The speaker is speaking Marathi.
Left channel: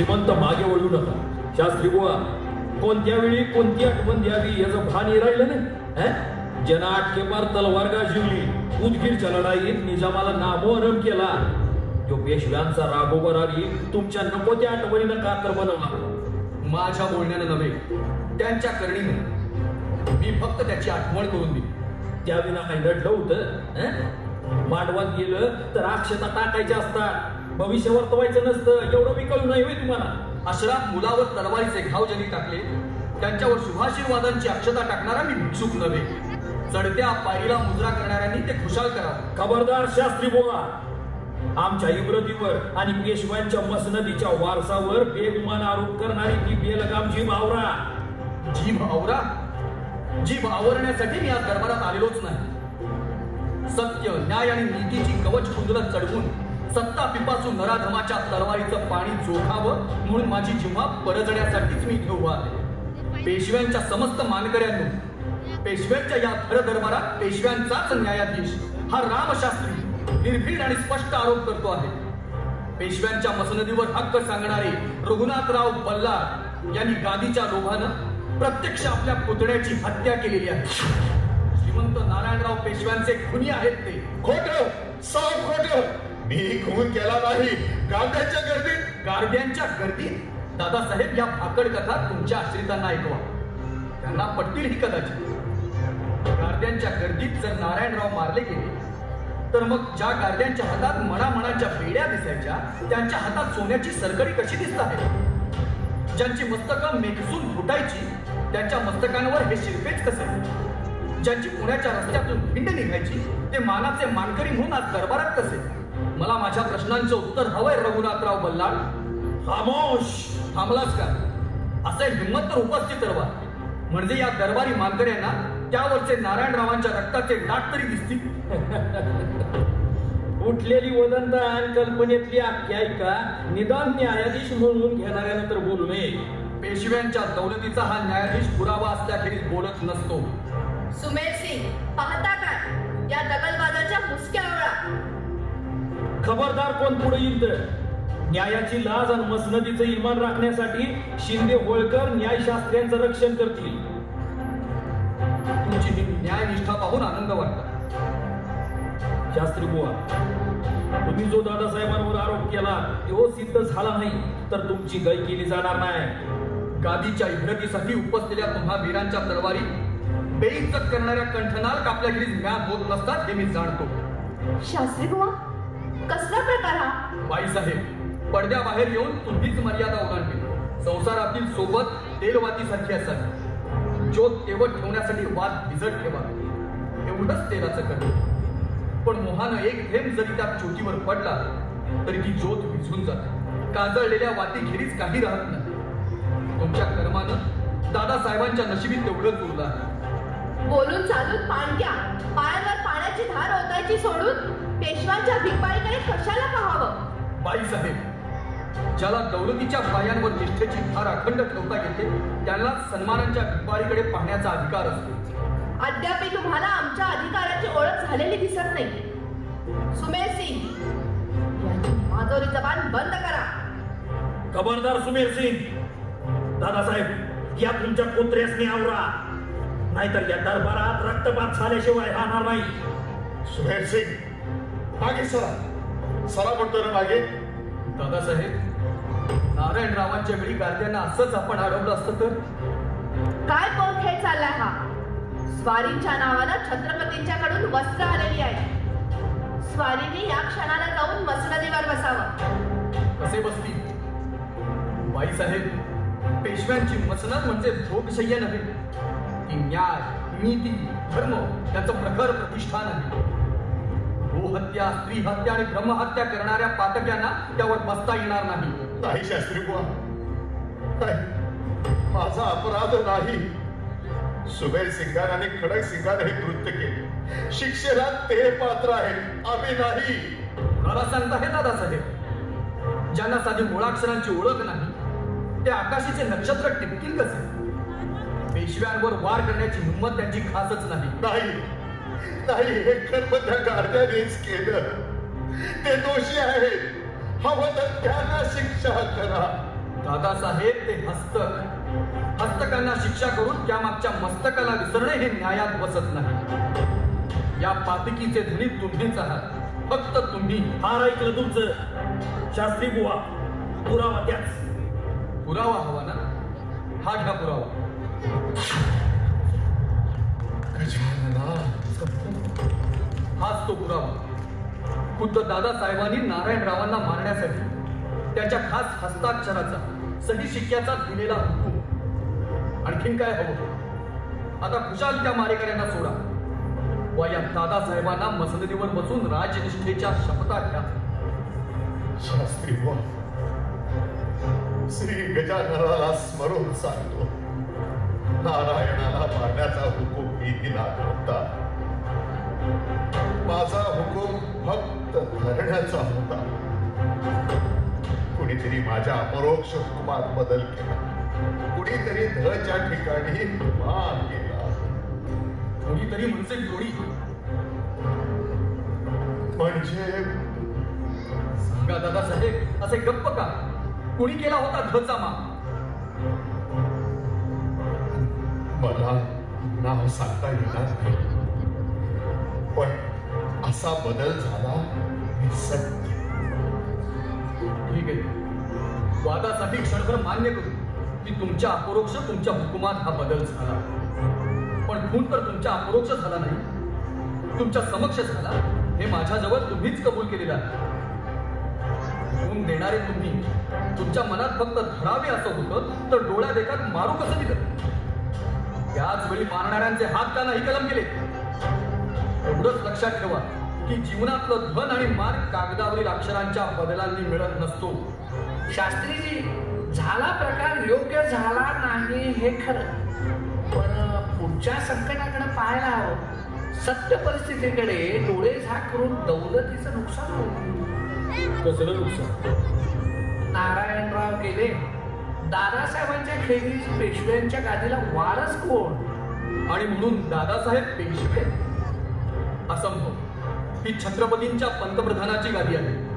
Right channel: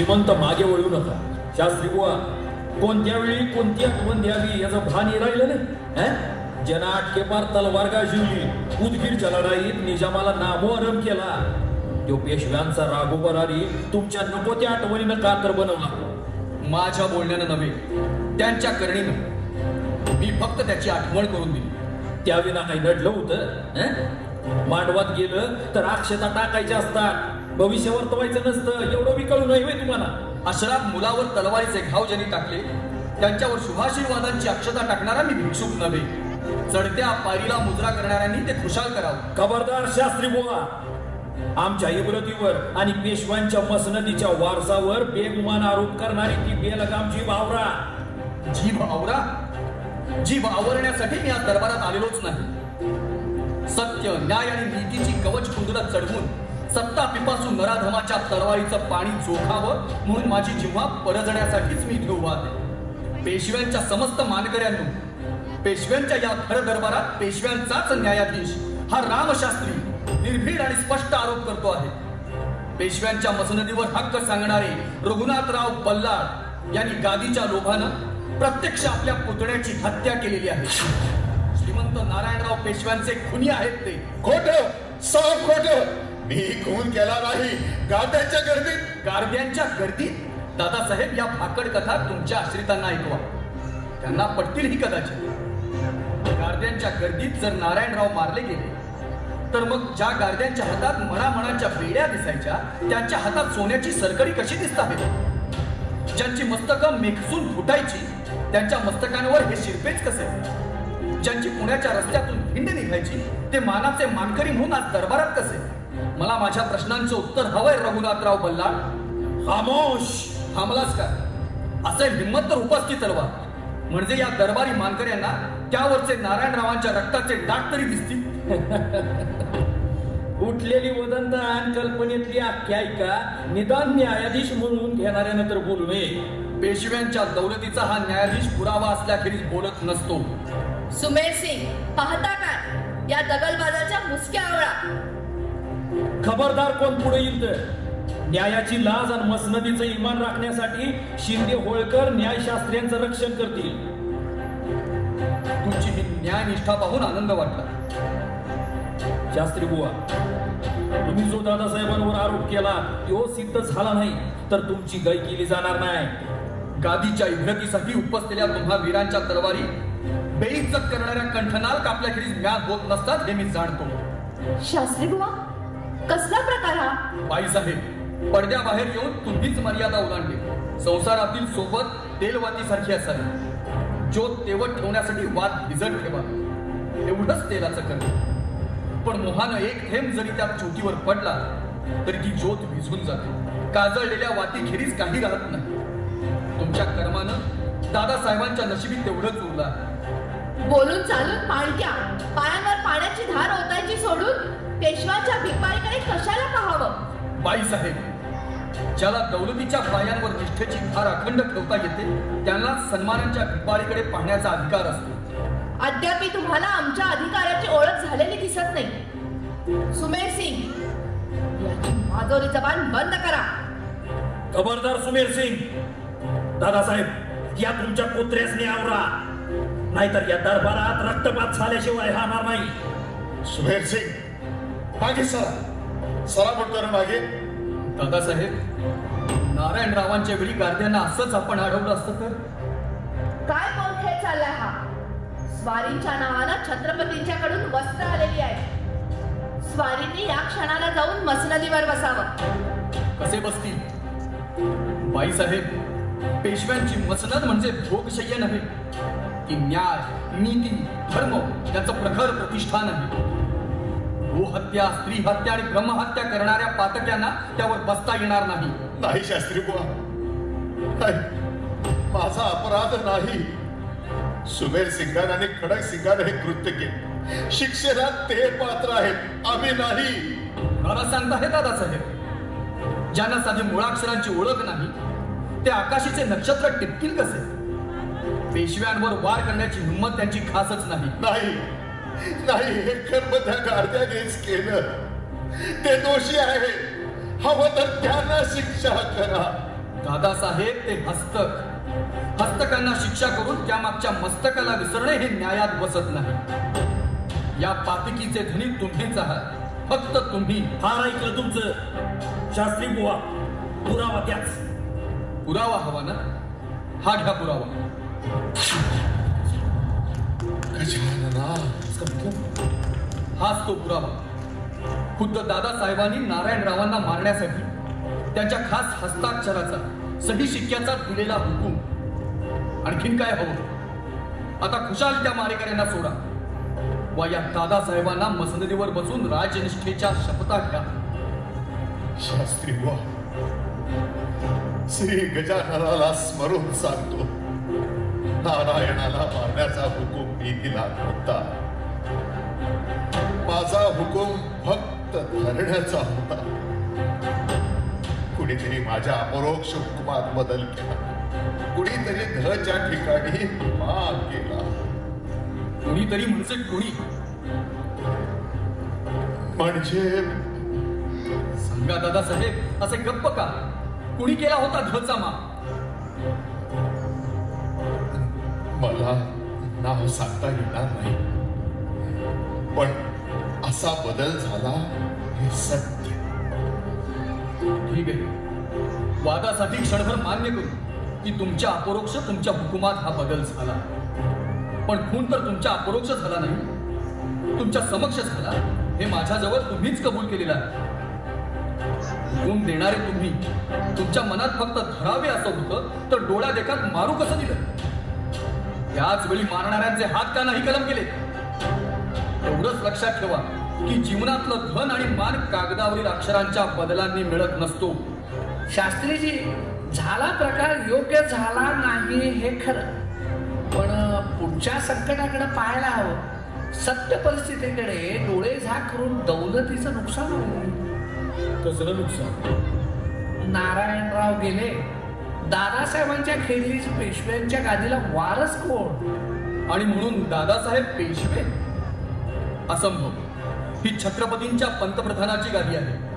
श्रीमंत मागे वळू नका. शास्त्री बुवा, कोणत्या वेळी कोणती आठवण द्यावी याचं भान राहिलं नाही. जना आटके पार तलवार गाजवली, उदगीरच्या लढाईत निजामाला नामोहरम केला. तो पेशव्यांचा राघोबरारी तुमच्या नको त्या आठवणीनं कातर बनवला. माझ्या बोलण्यानं नव्हे, त्यांच्या करणीने. मी फक्त त्याची आठवण करून दिली. त्याविना काही नडलं होतं? मांडवात गेलं तर अक्षता टाकायच्या असतात, भविष्य वर्तवायचं नसतं. एवढं बी कळू नये तुम्हाला. अशराफ मुलावर तलवारीचे घाव ज्यांनी टाकले, त्यांच्यावर शुभाशीर्वादांची अक्षता टाकणारा मी भिक्षुक नव्हे. चढत्या पारीला मुजरा करणाऱ्यांनी ते खुशाल करावं. खबरदार शास्त्री बुवा, आमच्या इब्रतीवर आणि पेशव्यांच्या मसनदीच्या वारसावर बेगुमान आरोप करणारी ती बेलगामची भावरा. जीभ आवरण्यासाठी मी आज दरबारात आलेलोच नाही. सत्य, न्याय आणि नीतीची कवच कुंडलं चढवून सत्ता पिपासून नराधमाच्या तलवारीचं पाणी जोखावं म्हणून माझी जिव्हा परजण्यासाठीच मी इथे उभा आहे. पेशव्यांच्या समस्त मानकऱ्यांनी, पेशव्यांच्या या खर दरबारात पेशव्यांचाच न्यायाधीश हा रामशास्त्री निर्भीड आणि स्पष्ट आरोप करतो आहे. पेशव्यांच्या मसनदीवर हक्क सांगणारे रघुनाथराव बल्लाळ यांनी गादीच्या लोभानं प्रत्यक्ष आपल्या पुतण्याची हत्या केलेली आहे. श्रीमंत नारायणराव पेशव्यांचे खुनी आहेत ते. खोटं, साफ खोटं. मी खून केला नाही. गारद्यांच्या गर्दीत दादासाहेब या भाकड कथा तुमच्या आश्रितांना ऐकवा. त्यांना पटतील ही कदाचित. गारद्यांच्या गर्दीत जर नारायणराव मारले गेले तर मग ज्या गारद्यांच्या हातात मणामणाच्या बेड्या दिसायच्या, त्यांच्या हातात सोन्याची सरकडी कशी दिसतात? ज्यांची मस्तकं मेखसून फुटायची, त्यांच्या मस्तकांवर हे शिरपेच कसे? ज्यांची पुण्याच्या रस्त्यातून भिंड निघायची, ते मानाचे मानकरी म्हणून आज दरबारात कसे? मला माझ्या प्रश्नांचं उत्तर हवंय रघुनाथराव बल्लाळ. खामोश. थांबलास का? असे हिंमत तर उपस्थित रवा, म्हणजे या दरबारी मानकऱ्यांना त्यावरचे नारायणरावांच्या रक्ताचे डाग तरी दिसतील. उठलेली वदंत आणि कल्पनेतली आख्यायिका निदान न्यायाधीश म्हणून घेणाऱ्यानं तर बोलू नये. पेशव्यांच्या दौलतीचा हा न्यायाधीश पुरावा असल्याखेरीज बोलत नसतो. सुमेर सिंग, पाहता काय या दगलबाजाच्या मुसक्या आवळा? खबरदार कोण पुढे येईल तर. न्यायाची लाज आणि मसनदीचं इमान राखण्यासाठी शिंदे होळकर न्यायशास्त्र्यांचं रक्षण करतील. तुमची ही न्यायनिष्ठा पाहून आनंद वाटला. शास्त्री बुवा, तुम्ही जो दादासाहेबांवर आरोप केला तो सिद्ध झाला नाही तर तुमची गय केली जाणार नाही. गादीच्या इब्रतीसाठी उपसलेल्या तुम्हा वीरांच्या तलवारी बेइज्जत करणाऱ्या कंठनार कापल्याखेरीज म्याद होत नसतात हे मी जाणतो. शास्त्री बुवा, कसला प्रकार हा? बाईसाहेब, पडद्याबाहेर येऊन तुम्हीच मर्यादा ओलांडली. संसारातील सोबत तेलवातीसारखी असावी. ज्योत तेवत ठेवण्यासाठी वात भिजत ठेवा, एवढंच तेलाचं कर्म. पण मोहानं एक थेंब जरी त्या चोटीवर पडला तरी ती ज्योत विझून जाते. काजळलेल्या वातीखेरीज काही राहत नाही. तुमच्या कर्मानं दादासाहेबांच्या नशिबी तेवढंच उरला. बोलून चालून पाणक्या पायांवर पाण्याची धार ओतायची सोडून पेशवांच्या भिपारीकडे कशाला पाहावं? बाईसाहेब, ज्याला दौलतीच्या पायांवर निष्ठेची धार अखंड ठेवता येते त्यांना सन्मानाच्या भिपारीकडे पाहण्याचा अधिकार असतो. अद्याप तुम्हाला आमच्या अधिकाराची ओळख झालेली दिसत नाही. सुमेर सिंग, याची आजोरी जबान बंद करा. खबरदार सुमेर सिंग. दादासाहेब, या तुमच्या कुत्र्यासने आवरा, नाहीतर या दरबारात रक्तपात झाल्याशिवाय राहणार नाही. सुमेर सिंग, मागे सरा म्हणतो ना मागे. दादासाहेब, नारायणरावांच्या वेळी गार्द्यांना असंच आपण अडवलं असतं तर? काय पोरखेळ चाललाय हा? स्वारींच्या नावानं छत्रपतींच्याकडून वस्त्र आलेली आहे. स्वारींनी या क्षणाला जाऊन मसनदीवर बसावं. कसे बसतील? बाईसाहेब, पेशव्यांची मसनद म्हणजे भोगशय्य नव्हे. ती न्याय, नीती, धर्म याचं प्रखर प्रतिष्ठान आहे. गोहत्या, स्त्री हत्या आणि ब्रह्महत्या करणाऱ्या पातक्यांना त्यावर बसता येणार नाही. नाही शास्त्री बुवा, माझा अपराध नाही. सुमेर सिंगार आणि खडक सिंगार हे कृत्य केले. शिक्षेला ते पात्र आहेत, आम्ही नाही. मला सांगता हे दादासाहेब, ज्यांना साधी मुळाक्षरांची ओळख नाही ते आकाशाचे नक्षत्र टिपतील कसे? पेशव्यांवर वार करण्याची हिंमत त्यांची खासच नाही. नाही, हे कर्म त्या गार्द्यानेच केलं. ते दोषी आहेत, हवं तर त्यांना शिक्षा करा. ते हस्तकांना शिक्षा करून त्यामागच्या मस्तकाला विसरणे हे न्यायात बसत नाही. या पातकीचे धनी तुम्हीच आहात, फक्त तुम्ही. फार ऐकलं तुमचं शास्त्री बुवा. पुरावा त्याच. पुरावा हवा ना? हा घ्या पुरावा. हाच तो पुरावा. खुद्द दादासाहेबांनी नारायणरावांना मारण्यासाठी त्यांच्या खास हस्ताक्षराचा सही शिक्क्याचा दिलेला हुकूम. आणखीन काय हवं? आता खुशाल त्या मारेकऱ्यांना सोडा व या दादासाहेबांना मसनदीवर बसून राजनिष्ठेच्या शपथा घ्या. शास्त्री बुवा, श्री गजाननाला स्मरून सांगतो, नारायणाला मारण्याचा हुकूम मी दिला होता. माझा हुकूम फक्त धरण्याचा होता. कुणीतरी माझ्या अपरोक्ष हुकुमात बदल केला. कुणीतरी धच्या ठिकाणी मान केला. कुणीतरी म्हणजे कोणी? म्हणजे सांगा दादासाहेब, असे गप्प का? कुणी केला होता धचा मान? मला नाव सांगता येणार नाही, पण असा बदल झाला हे सत्य. ठीक आहे, वादासाठी क्षणभर मान्य करू की तुमच्या अपरोक्ष तुमच्या हुकुमात हा बदल झाला. पण खून तर तुमच्या अपरोक्ष झाला नाही, तुमच्या समक्ष झाला. हे माझ्याजवळ तुम्हीच कबूल केलेलं आहे. हुकूम देणारे तुम्ही. तुमच्या मनात फक्त धरावे असं होतं तर डोळ्या देखात मारू कसं दिलं? त्याच वेळी मारणाऱ्यांचे हात का नाही कलम केले? एवढंच लक्षात ठेवा की जीवनातलं धन आणि मान कागदावरील अक्षरांच्या बदलांनी मिळत नसतो. शास्त्रीजी, झाला प्रकार योग्य झाला नाही हे खरं, पण पुढच्या संकटाकडे पाहायला हवं. सत्य परिस्थितीकडे डोळे झाक करून दौलतीचं नुकसान होईल. कसलं नुकसान? नारायणराव गेले. दादासाहेबांच्या खेरीज पेशव्यांच्या गादीला वारस कोण? आणि म्हणून दादासाहेब पेशवे? असंभव. ही छत्रपतींच्या पंतप्रधानाची गादी आहे.